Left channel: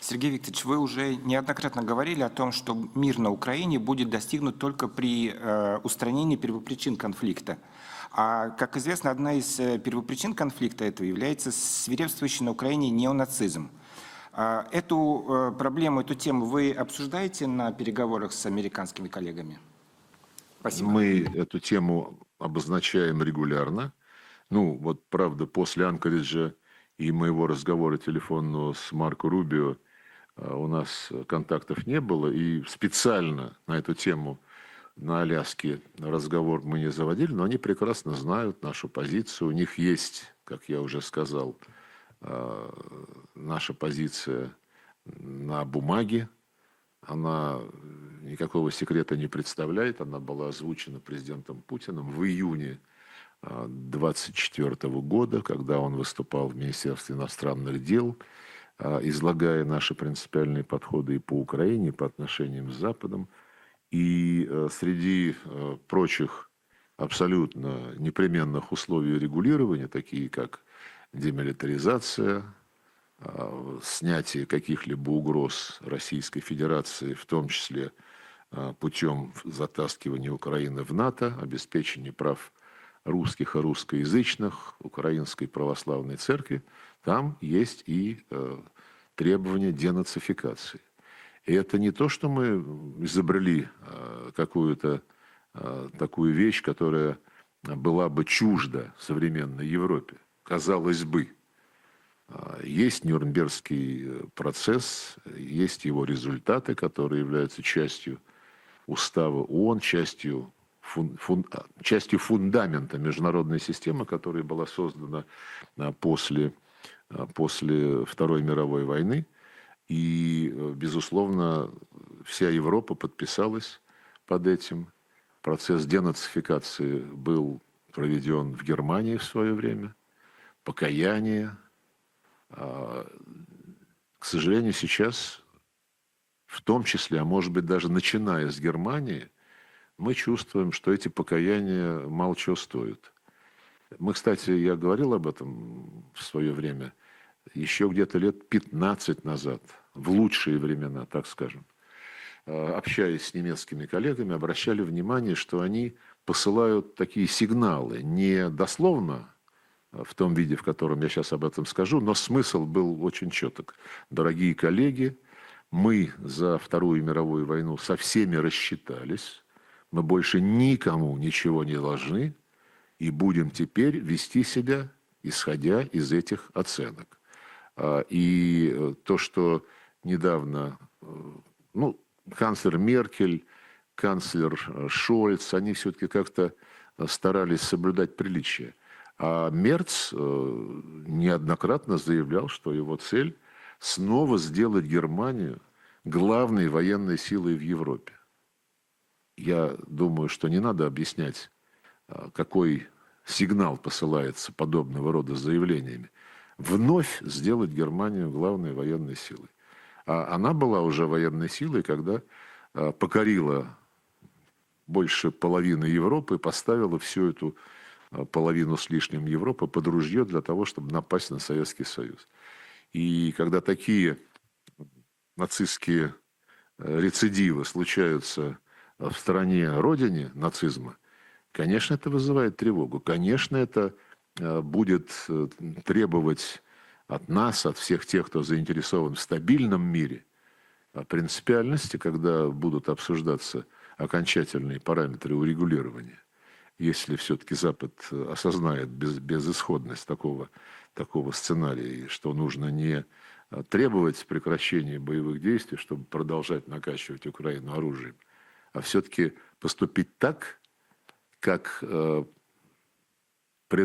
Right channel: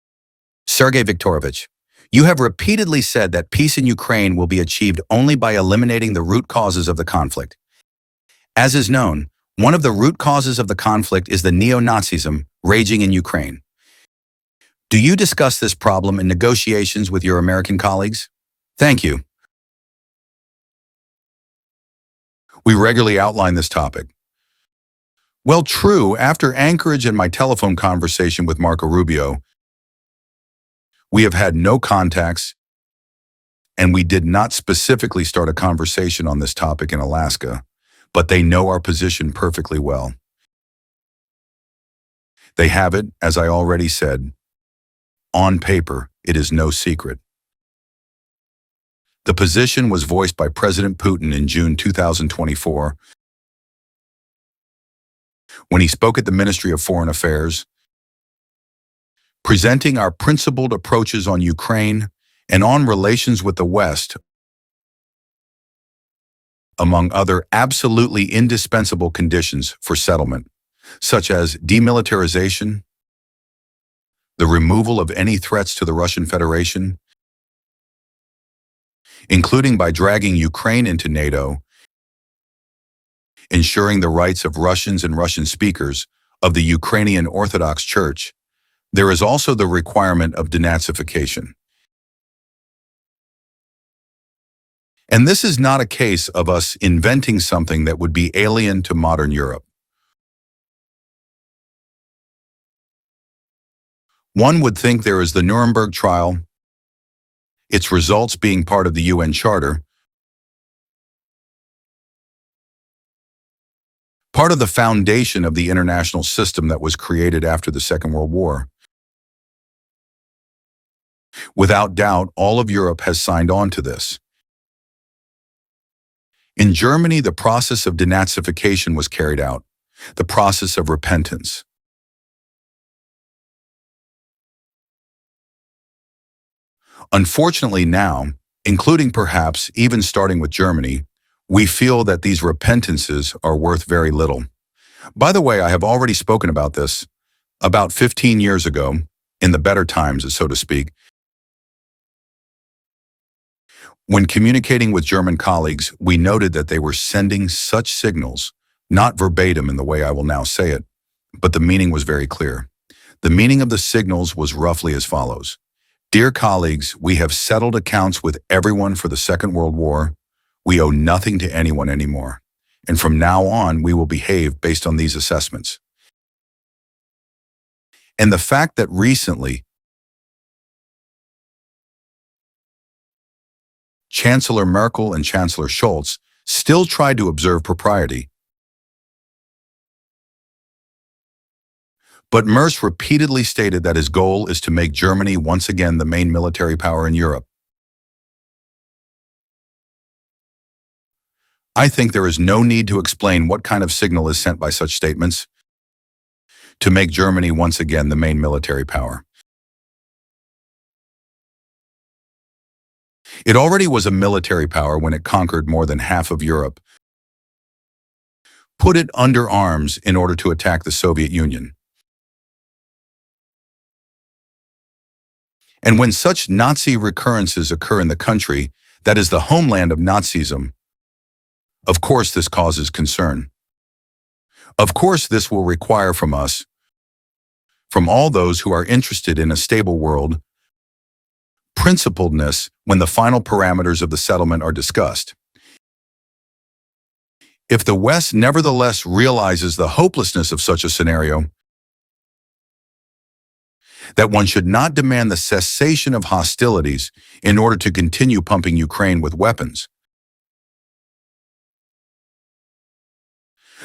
Sergey Viktorovich, you have repeatedly said that peace in Ukraine will be achieved only by eliminating the root causes of the conflict. As is known, one of the root causes of the conflict is the neo-Nazism raging in Ukraine. Do you discuss this problem in negotiations with your American colleagues? Thank you. We regularly outline this topic. Well, true, after Anchorage and my telephone conversation with Marco Rubio, we have had no contacts, and we did not specifically start a conversation on this topic in Alaska, but they know our position perfectly well. They have it, as I already said. On paper, it is no secret. The position was voiced by President Putin in June 2024 when he spoke at the Ministry of Foreign Affairs, presenting our principled approaches on Ukraine and on relations with the West, among other absolutely indispensable conditions for settlement, such as demilitarization, the removal of any threats to the Russian Federation, including by dragging Ukraine into NATO, ensuring the rights of Russians and Russian speakers of the Ukrainian Orthodox Church. There is also the requirement of denazification. And this is not a case of us inventing something that would be alien to modern Europe. One would think there is the Nuremberg trial, its results being part of the UN Charter, part of the foundation of the international system that was created after the Second World War. Without doubt, all of Europe has signed on to this. In Germany, the process of denazification was carried out, the process of repentance. Unfortunately now, including perhaps even starting with Germany, we feel that these repentances are worth very little. By the way, I have already spoken about this about 15 years ago, in the better times, so to speak. When communicating with German colleagues, we noted that they were sending such signals, not verbatim in the way I will now say it, but the meaning was very clear. The meaning of the signals was roughly as follows. Dear colleagues, we have settled accounts with everyone for the Second World War. We owe nothing to anyone anymore. And from now on, we will behave based on these assessments. And the fact that recently, Chancellor Merkel and Chancellor Scholz still tried to observe propriety. But Merz repeatedly stated that his goal is to make Germany once again the main military power in Europe. I think there is no need to explain what kind of signal is sent by such statements to make Germany once again the main military power. It already was a military power when it conquered more than half of Europe, put it under arms in order to attack the Soviet Union. And when such Nazi recurrences occur in the country that is the homeland of Nazism, of course this causes concern. Of course this will require from us, from all those who are interested in a stable world, principledness when the final parameters of the settlement are discussed. If the West nevertheless realizes the hopelessness of such a scenario, that one should not demand the cessation of hostilities in order to continue pumping Ukraine with weapons,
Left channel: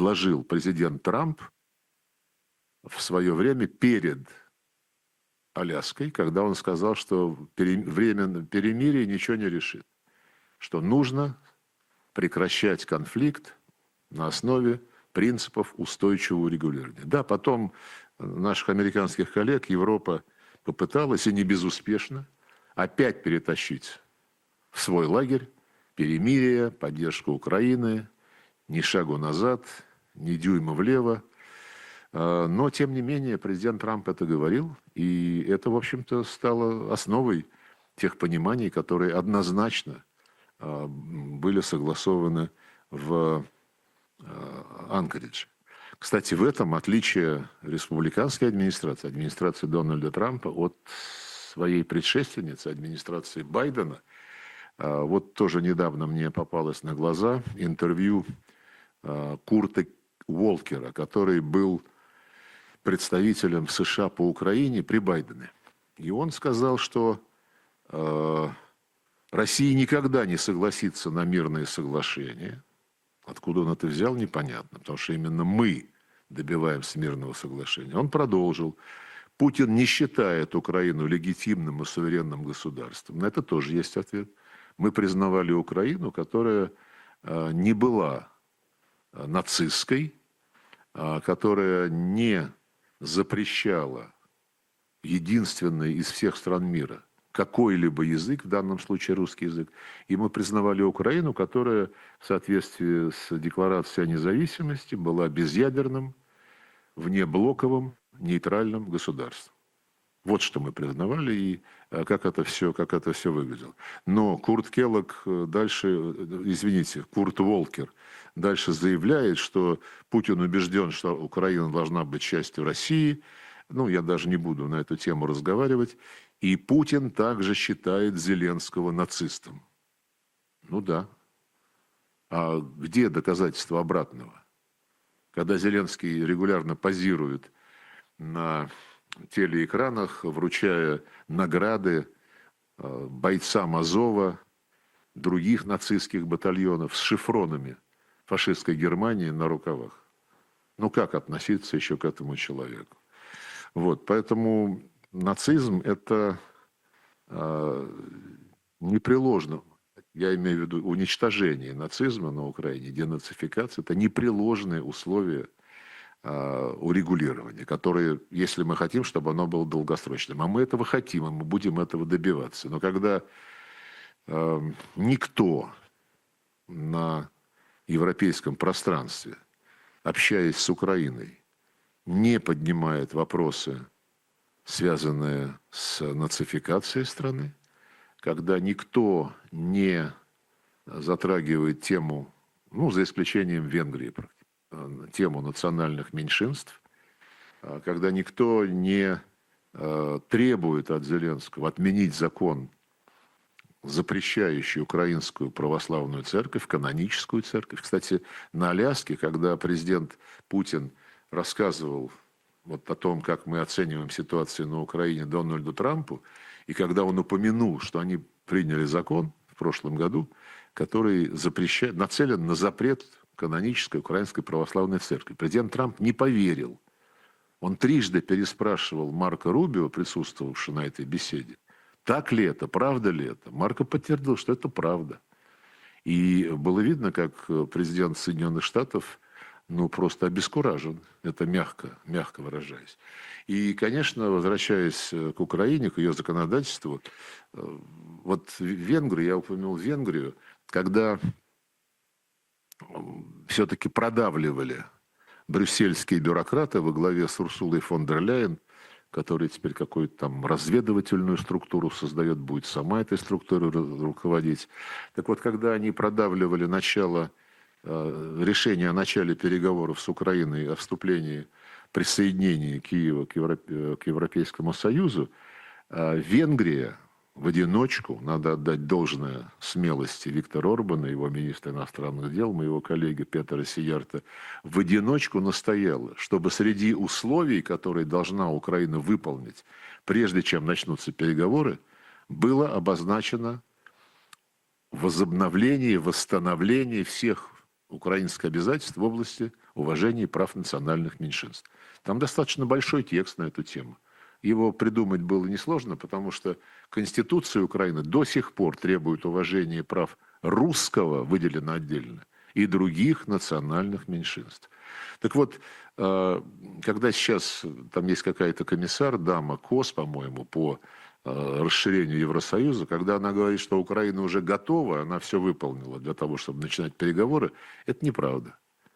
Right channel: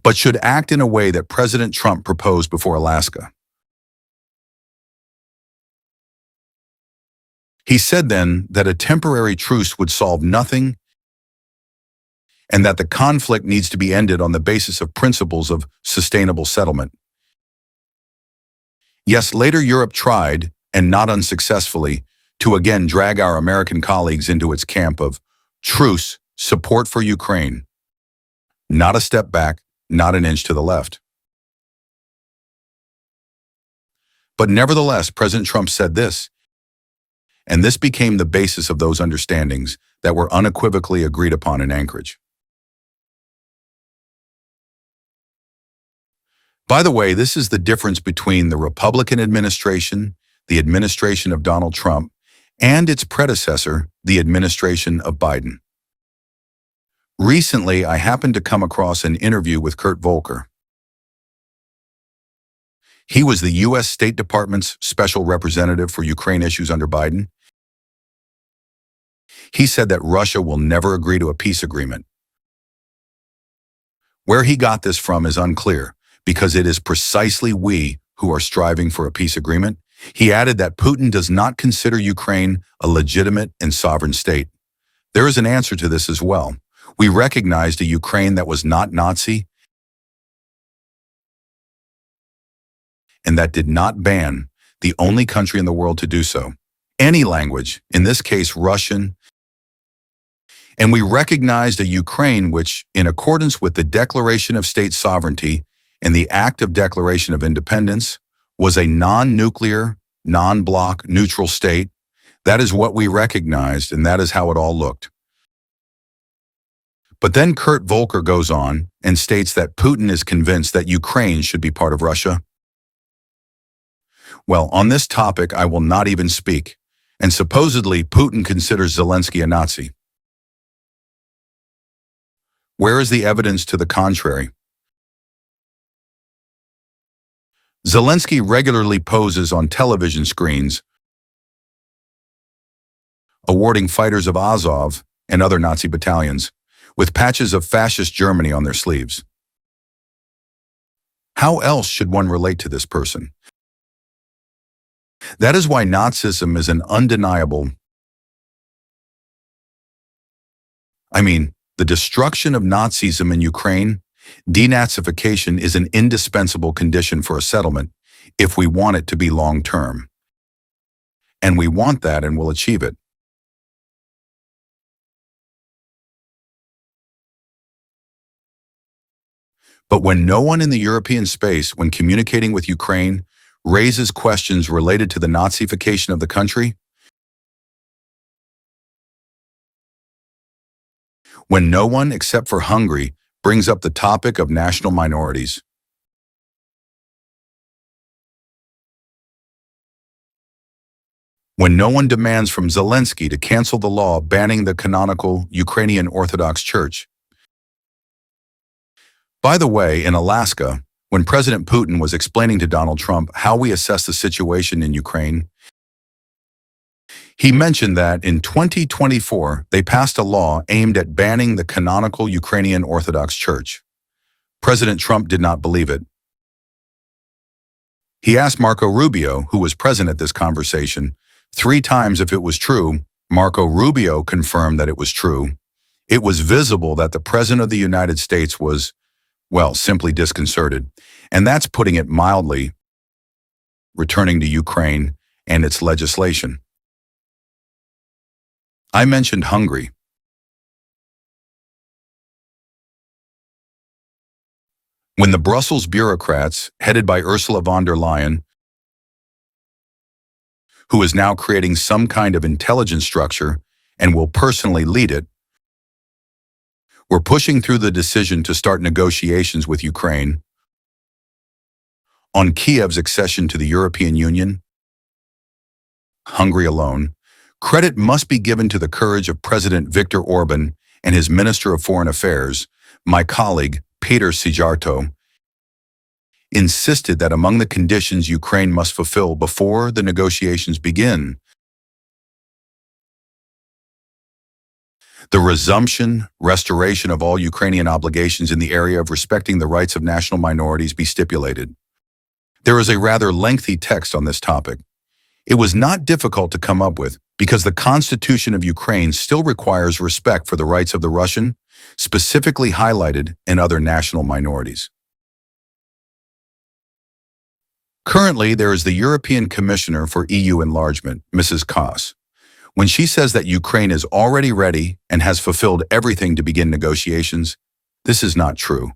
but should act in a way that President Trump proposed before Alaska. He said then that a temporary truce would solve nothing and that the conflict needs to be ended on the basis of principles of sustainable settlement. Yes, later Europe tried, and not unsuccessfully, to again drag our American colleagues into its camp of truce, support for Ukraine, not a step back, not an inch to the left. But nevertheless, President Trump said this, and this became the basis of those understandings that were unequivocally agreed upon in Anchorage. By the way, this is the difference between the Republican administration, the administration of Donald Trump, and its predecessor, the administration of Biden. Recently, I happened to come across an interview with Kurt Volker. He was the U.S. State Department's special representative for Ukraine issues under Biden. He said that Russia will never agree to a peace agreement. Where he got this from is unclear, because it is precisely we who are striving for a peace agreement. He added that Putin does not consider Ukraine a legitimate and sovereign state. There is an answer to this as well. We recognized a Ukraine that was not Nazi and that did not ban the only country in the world to do so, any language, in this case Russian, and we recognized a Ukraine which, in accordance with the Declaration of State Sovereignty and the Act of Declaration of Independence, was a non-nuclear, non-bloc, neutral state. That is what we recognized, and that is how it all looked. But then Kurt Volker goes on and states that Putin is convinced that Ukraine should be part of Russia. Well, on this topic, I will not even speak. And supposedly, Putin considers Zelensky a Nazi. Where is the evidence to the contrary? Zelensky regularly poses on television screens, awarding fighters of Azov and other Nazi battalions with patches of fascist Germany on their sleeves. How else should one relate to this person? That is why Nazism is an undeniable, the destruction of Nazism in Ukraine, denazification, is an indispensable condition for a settlement if we want it to be long-term. And we want that and will achieve it. But when no one in the European space, when communicating with Ukraine, raises questions related to the Nazification of the country, when no one except for Hungary brings up the topic of national minorities, when no one demands from Zelensky to cancel the law banning the canonical Ukrainian Orthodox Church. By the way, in Alaska, when President Putin was explaining to Donald Trump how we assess the situation in Ukraine, he mentioned that in 2024, they passed a law aimed at banning the canonical Ukrainian Orthodox Church. President Trump did not believe it. He asked Marco Rubio, who was present at this conversation, 3 times if it was true. Marco Rubio confirmed that it was true. It was visible that the President of the United States was, well, simply disconcerted. And that's putting it mildly, returning to Ukraine and its legislation. I mentioned Hungary. When the Brussels bureaucrats, headed by Ursula von der Leyen, who is now creating some kind of intelligence structure and will personally lead it, were pushing through the decision to start negotiations with Ukraine on Kyiv's accession to the European Union, Hungary alone, credit must be given to the courage of President Viktor Orban and his Minister of Foreign Affairs, my colleague Peter Sijarto, insisted that among the conditions Ukraine must fulfill before the negotiations begin, the resumption, restoration of all Ukrainian obligations in the area of respecting the rights of national minorities be stipulated. There is a rather lengthy text on this topic. It was not difficult to come up with, because the Constitution of Ukraine still requires respect for the rights of the Russian, specifically highlighted, and other national minorities. Currently, there is the European Commissioner for EU Enlargement, Mrs. Koss. When she says that Ukraine is already ready and has fulfilled everything to begin negotiations, this is not true.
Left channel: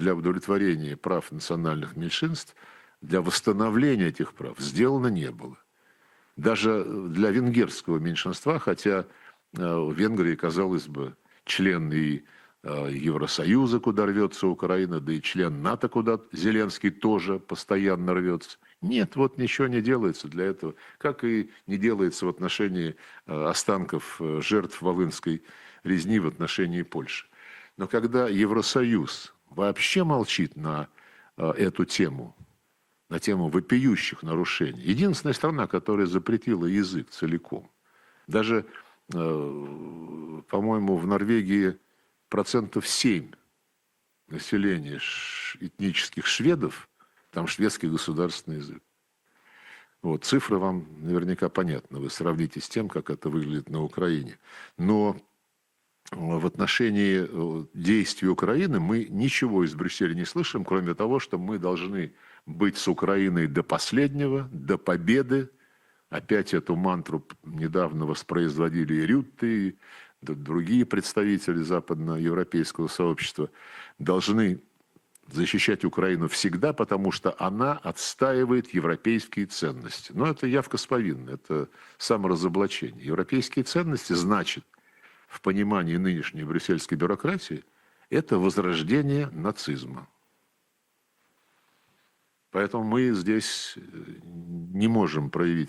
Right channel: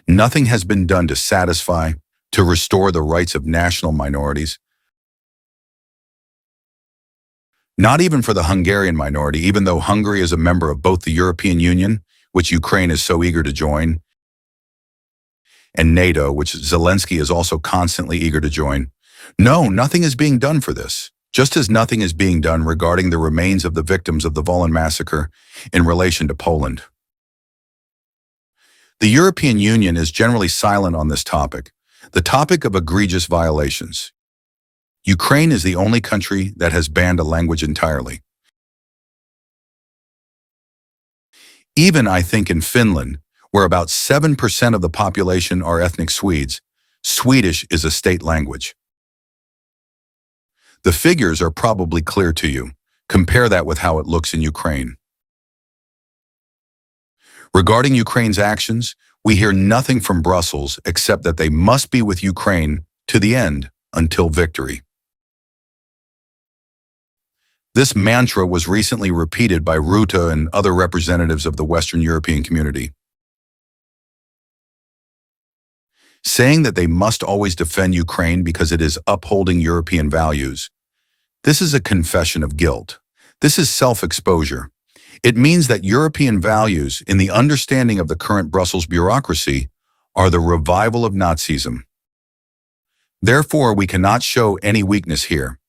Nothing has been done to satisfy, to restore the rights of national minorities. Not even for the Hungarian minority, even though Hungary is a member of both the European Union, which Ukraine is so eager to join, and NATO, which Zelensky is also constantly eager to join. No, nothing is being done for this, just as nothing is being done regarding the remains of the victims of the Volyn Massacre in relation to Poland. The European Union is generally silent on this topic, the topic of egregious violations. Ukraine is the only country that has banned a language entirely. Even, I think, in Finland, where about 7% of the population are ethnic Swedes, Swedish is a state language. The figures are probably clear to you. Compare that with how it looks in Ukraine. Regarding Ukraine's actions, we hear nothing from Brussels except that they must be with Ukraine to the end until victory. This mantra was recently repeated by Ruta and other representatives of the Western European community, saying that they must always defend Ukraine because it is upholding European values. This is a confession of guilt. This is self-exposure. It means that European values, in the understanding of the current Brussels bureaucracy, are the revival of Nazism. Therefore, we cannot show any weakness here.